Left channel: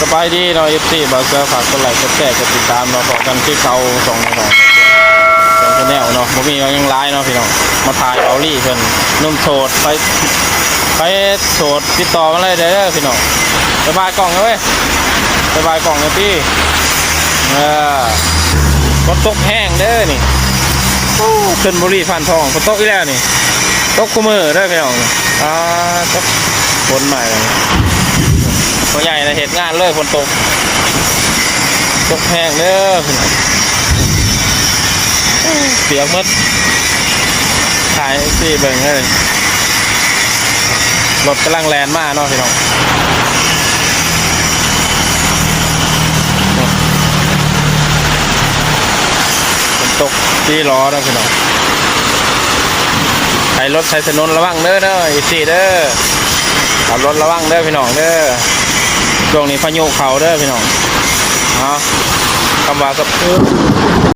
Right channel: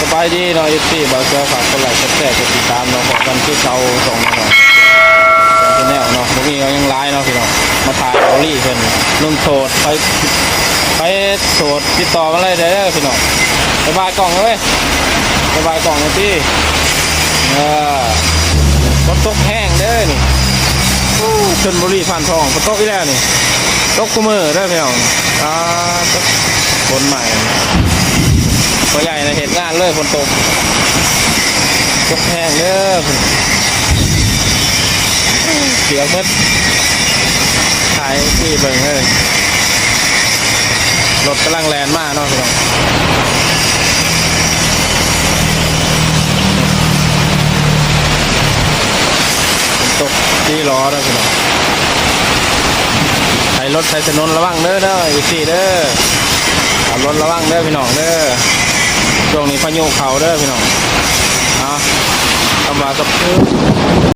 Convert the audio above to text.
สบายดีเนาะFCบาเกอร์ฝากกดไลค์กดแชร์กดติดตามเนาะขอกันที่เขาส่งเนาะเป็นแนวเนาะบ่มียังไลน์เนาะพี่น้องมาถ่ายเอาลี่เพิ่นนุ่มโสดไปโสดติดต่อมาเลยเด้อพี่น้องไปบายกล่องนะเว้ยไปบายกล่องนะพี่ฝนตกแห้งเด้อนี่ชลบุรีผ่านทองฝนตกอีกแล้วนี่ตกคู่มือเด้อพี่น้องตกฝนใหม่พอใหญ่นะเหตุงานเลยฝนตกแห้งเด้อเสียงมืดถ่ายที่เบิ่งเลยรถกำลังแลนมากเนาะพี่น้องฝนตกที่ล้อนะพี่น้องใช้รถใช้ถนนระวังเด้ออีกสี่เด้อขับรถระวังเด้อพี่น้องเด้อช่วงนี้พายุเขาเด้อพี่น้องคำว่ากับ